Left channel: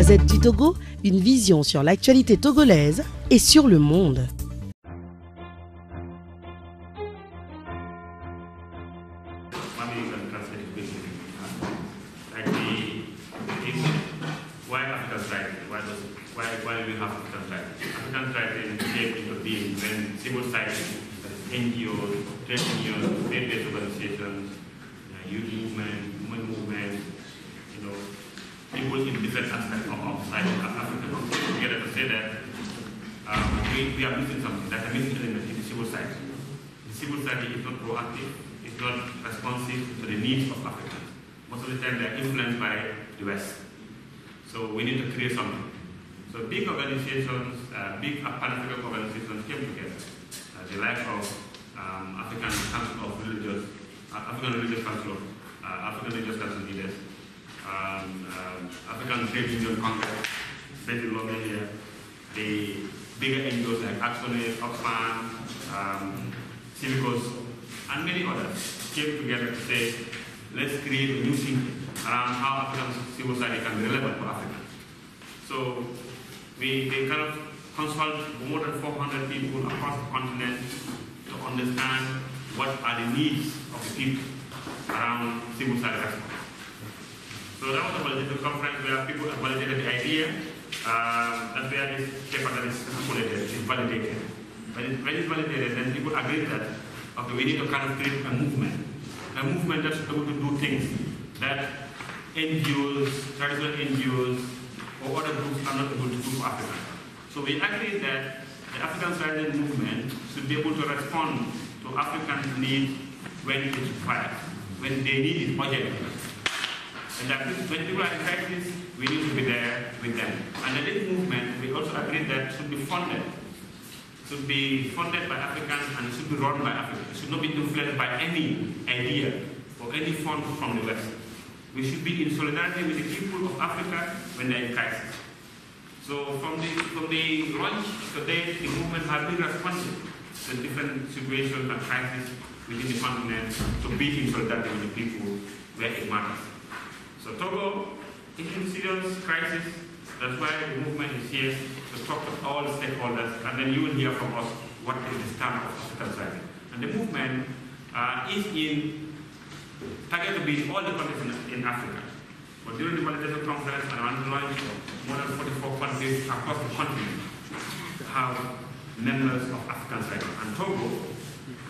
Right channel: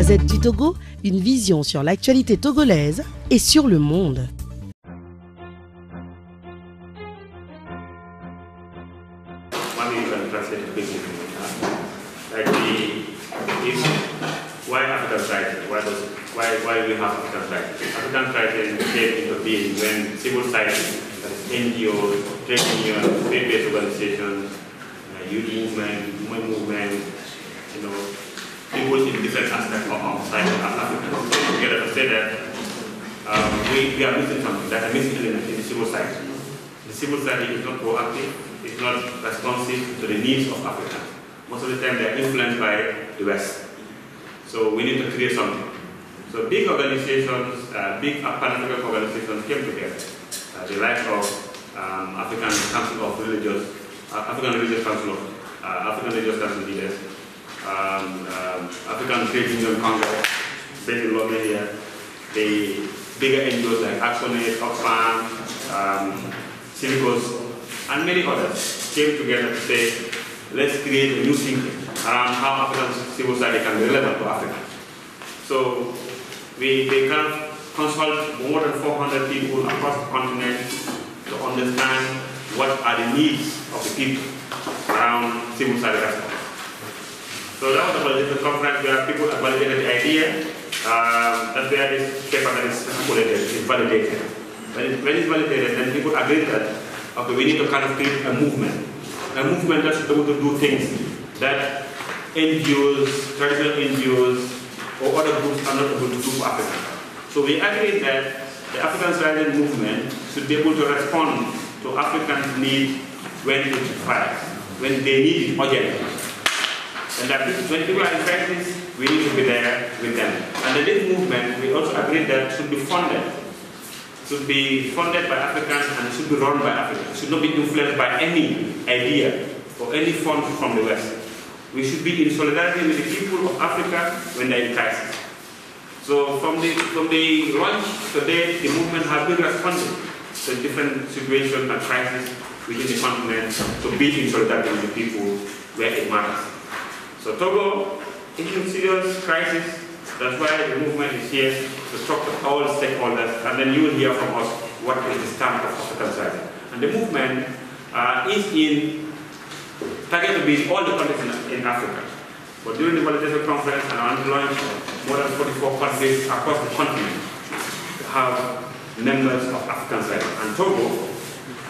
Gazette du Togo, une vision sur l'actualité togolaise et sur le monde. Why African writing? Why we have African writing? African writing came into being when civil society, that is NGOs, trade unions, faith-based organizations, youth movement, people in different aspects of society of Africans came together to say that we are missing something. There's a missing element in the civil society. The civil society is not proactive, it's not responsive to the needs of Africans. Most of the time they are influenced by the West. So we need to create something. So big organizations, big pan-African organizations came together. The likes of African Council of Religious, African Religious Council of African Religious Council leaders, African Trade Union Congress, based in Lomé here, the bigger NGOs like Actionaid, Oxfam, Civicus, and many others came together to say, let's create a new thinking around how African civil society can be relevant to Africa. So they kind of consult more than 400 people across the continent to understand what are the needs of the people around civil society response. So that was a validated conference where people validated the idea. That's where this paper that is circulated is validated. When it's validated, then people agreed that, okay, we need to kind of create a movement that should be able to do things that NGOs, traditional NGOs, or other groups are not able to do for Africa. So we agreed that the African Society movement should be able to respond to Africans' need when it requires, when they need it urgently. And that when people are in crisis, we need to be there with them. And in this movement, we also agreed that it should be funded. Should be funded by Africans and it should be run by Africans. It should not be influenced by any idea or any fund from the West. We should be in solidarity with the people of Africa when they're in crisis. So from the launch to date, the movement has been responding to different situations and crises within the continent to be in solidarity with the people where it matters. So Togo is in serious crisis. That's why the movement is here to talk to all stakeholders, and then you will hear from us what is the stamp of African society. And the movement is targeted to be in all the countries in Africa. But during the validation conference and on the launch, more than 44 countries across the continent have members of African society. And Togo,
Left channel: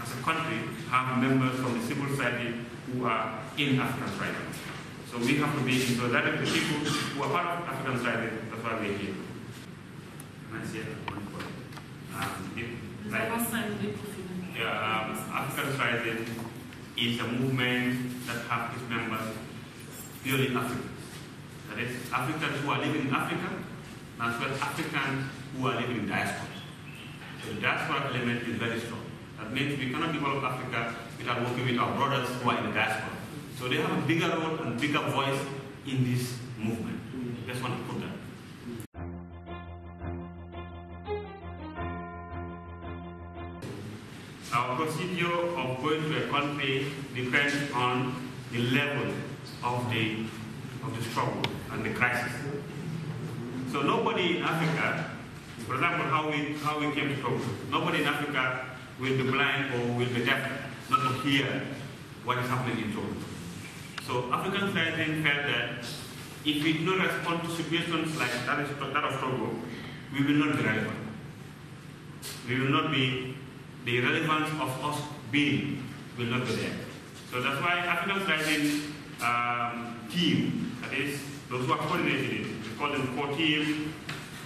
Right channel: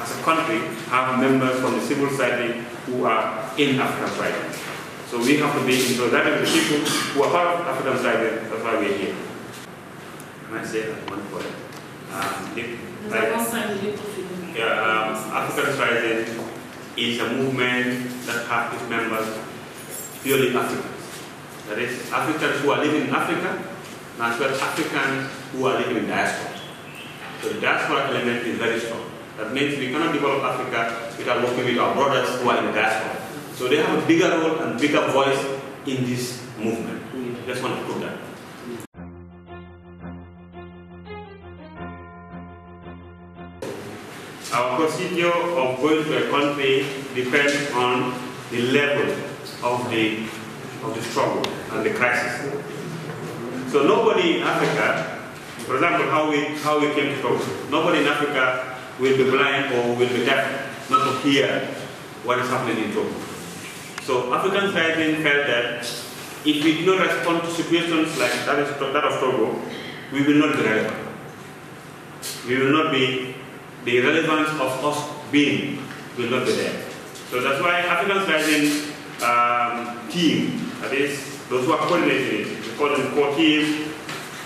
as a country, have members from the civil society who are in African society. So we have to be in solidarity with the people who are part of African society. That's why we're here. Can I say that one point? African society is a movement that has its members purely Africans. That is, Africans who are living in Africa, and as well as Africans who are living in diaspora. So the diaspora element is very strong. That means we cannot develop Africa without working with our brothers who are in the diaspora. So they have a bigger role and bigger voice in this movement. Just want to put that. Our procedure of going to a country depends on the level of the struggle and the crisis. So nobody in Africa, for example, how we came to Togo, nobody in Africa will be blind or will be deaf not to hear what is happening in Togo. So African society felt that if we do not respond to situations like that of Togo, we will not be relevant. We will not be, the relevance of us being will not be there. So that's why African society team, that is, those who are coordinating it, we call them core team,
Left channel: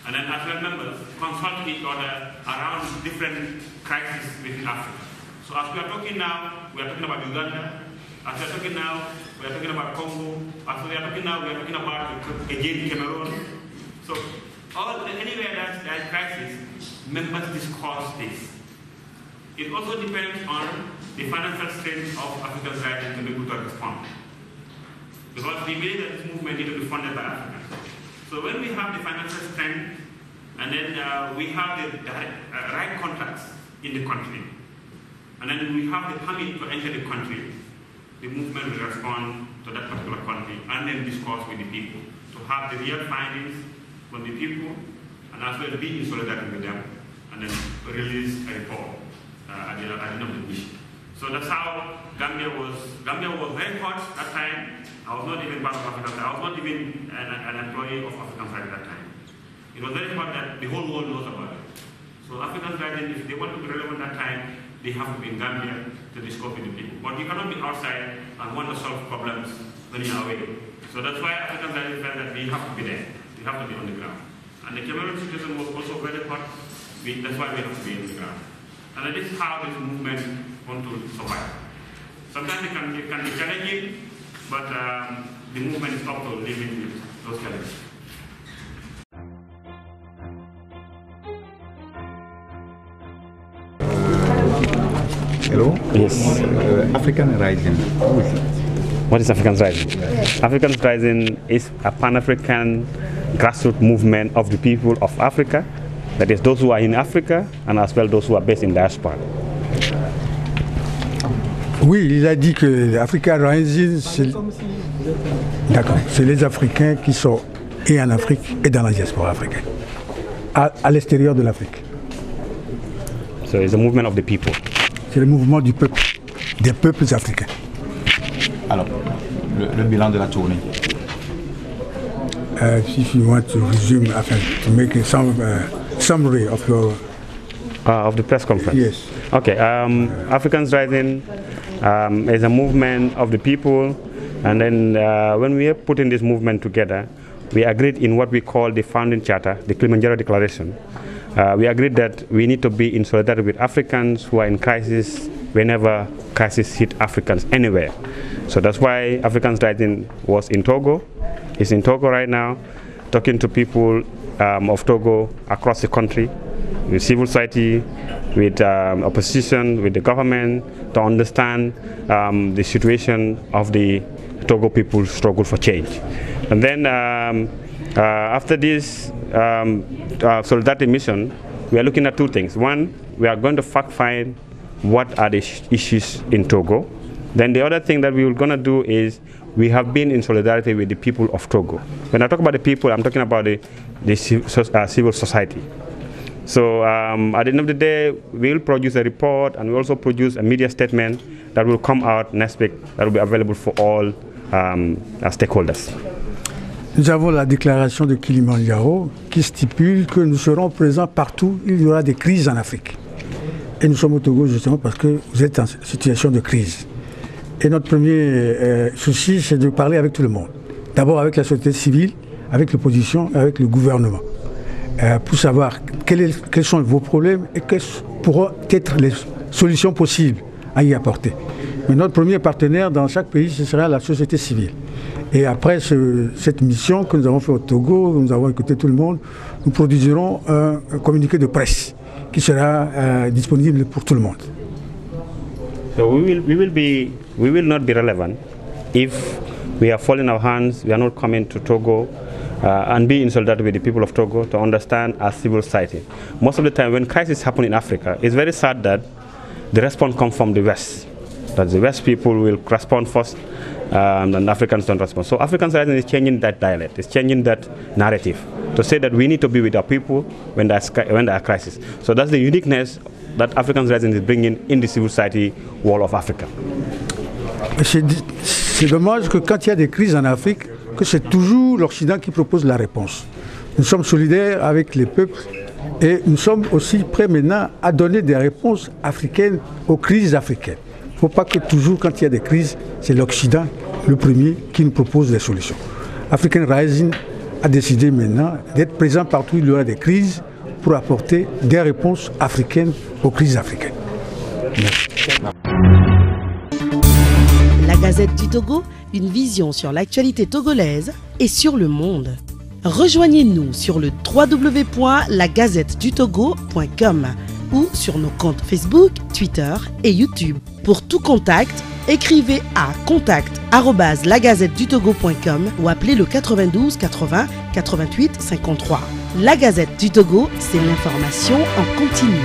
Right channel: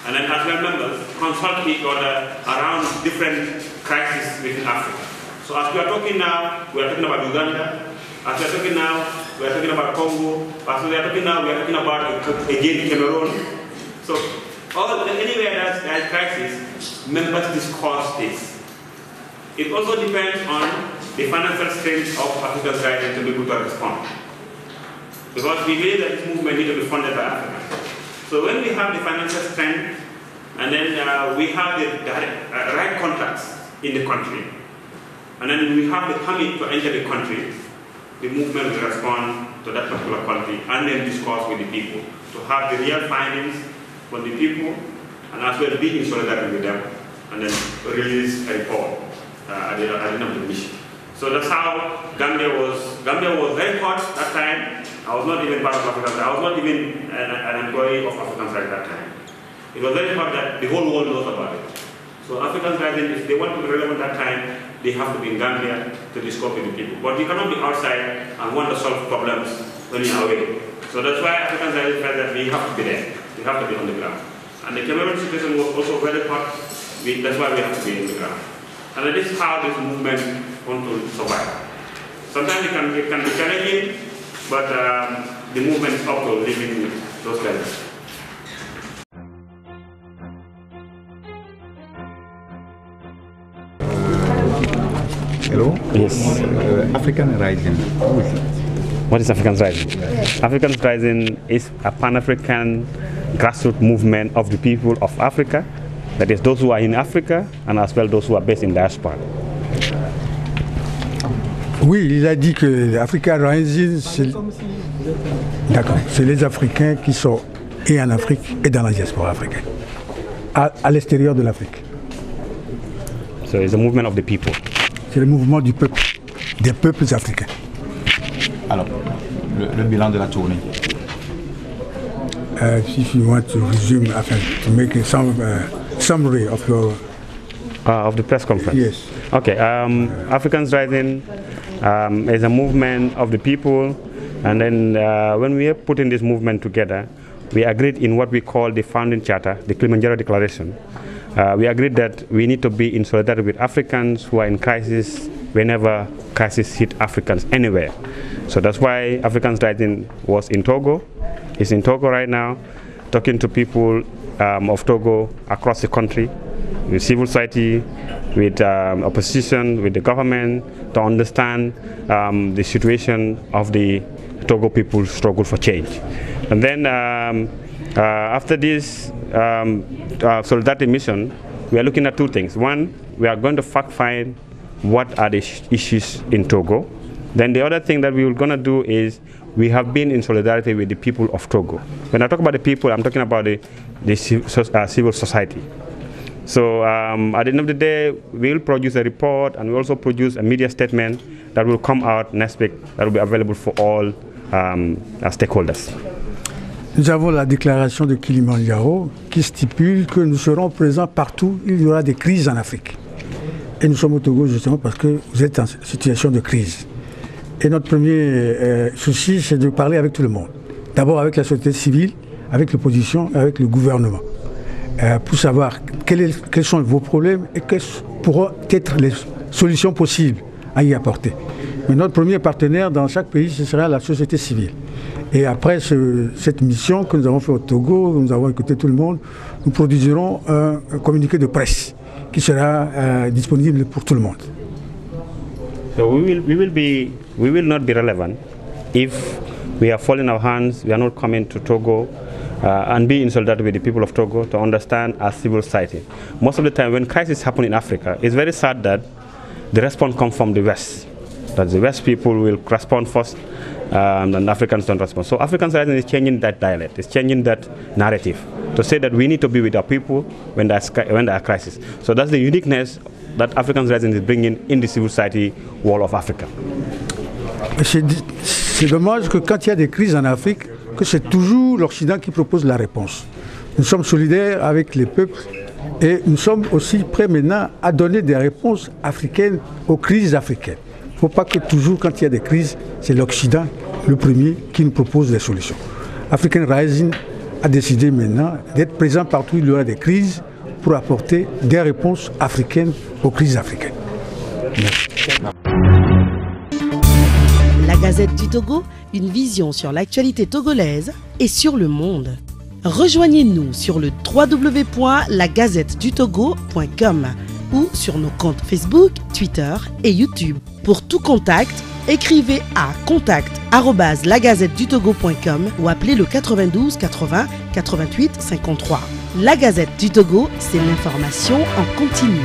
and then as well members consult each other around different crises within Africa. So as we are talking now, we are talking about Uganda. As we are talking now, we are talking about Congo. As we are talking now, we are talking about again Cameroon. So anywhere there's crisis, members discuss this. It also depends on the financial strength of African society to be able to respond. Because we believe that this movement needs to be funded by Africans. So when we have the financial strength, and then we have the right contracts in the country, and then we have the permit to enter the country, the movement will respond to that particular country and then discuss with the people to have the real findings from the people, and as well be in solidarity with them, and then release a report at the end of the mission. So that's how Gambia was very hot that time. I was not even part of African. I was not even an employee of African Side at that time. It was very hot that the whole world knows about it. So African Side, if they want to be relevant that time, they have to be in Gambia to discuss with the people. But you cannot be outside and want to solve problems when you're away. So that's why African Side felt that we have to be there. We have to be on the ground. And the Cameroon situation was also very hot. That's why we have to be on the ground. And this is how this movement wants to survive. Sometimes it can be challenging, but the movement is up to living with those challenges. Hello? Yes. African Rising. Who is it? What is African Rising? African Rising is a pan-African grassroots movement of the people of Africa. That is those who are in Africa and as well those who are based in diaspora. Oui, il a dit que African Rising, c'est les Africains qui sont et en Afrique et dans la diaspora africaine, à l'extérieur de l'Afrique. So it's a movement of the people. C'est le mouvement du peuple, des peuples africains. Alors, le bilan de la tournée. If you want to resume, to make a summary of your... Of the press conference? Yes. Okay, Africans Rising is a movement of the people, and then when we are putting this movement together, we agreed in what we call the founding charter, the Kilimanjaro Declaration. We agreed that we need to be in solidarity with Africans who are in crisis whenever crisis hit Africans anywhere. So that's why Africans Rising was in Togo. It's in Togo right now, talking to people of Togo across the country, with civil society, with opposition, with the government, to understand the situation of the Togo people's struggle for change. And then after this solidarity mission, we are looking at two things. One, we are going to fact find what are the issues in Togo. Then the other thing that we are going to do is we have been in solidarity with the people of Togo. When I talk about the people, I'm talking about the civil society. So at the end of the day, we will produce a report and we also produce a media statement that will come out next week that will be available for all stakeholders. Nous avons la déclaration de Kilimanjaro qui stipule que nous serons présents partout où il y aura des crises en Afrique. Et nous sommes au Togo justement parce que vous êtes en situation de crise. Et notre premier souci, c'est de parler avec tout le monde. D'abord avec la société civile, avec l'opposition, avec le gouvernement. Pour savoir quels sont vos problèmes et quelles pourront être les solutions possibles à y apporter. Mais notre premier partenaire dans chaque pays, ce sera la société civile. Et après cette mission que nous avons fait au Togo, nous avons écouté tout le monde, nous produirons un communiqué de presse qui sera disponible pour tout le monde. So we will not be relevant if we are folding our hands, we are not coming to Togo and be in solidarity with the people of Togo to understand our civil society. Most of the time when crises happen in Africa, it's very sad that the response comes from the West. That the West people will respond first and Africans don't respond. So Africans Rising is changing that dialect, it's changing that narrative to say that we need to be with our people when there are crises. So that's the uniqueness that Africans Rising is bringing in the civil society world of Africa. C'est dommage que quand il y a des crises en Afrique, que c'est toujours l'Occident qui propose la réponse. Nous sommes solidaires avec les peuples et nous sommes aussi prêts maintenant à donner des réponses africaines aux crises africaines. Il ne faut pas que toujours quand il y a des crises, c'est l'Occident le premier qui nous propose des solutions. African Rising a décidé maintenant d'être présent partout où il y aura des crises pour apporter des réponses africaines aux crises africaines. Merci. La Gazette du Togo, une vision sur l'actualité togolaise et sur le monde. Rejoignez-nous sur le www.lagazettedutogo.com ou sur nos comptes Facebook, Twitter et YouTube. Pour tout contact, écrivez à contact@lagazettedutogo.com ou appelez le 92 80 88 53. La Gazette du Togo, c'est l'information en continu.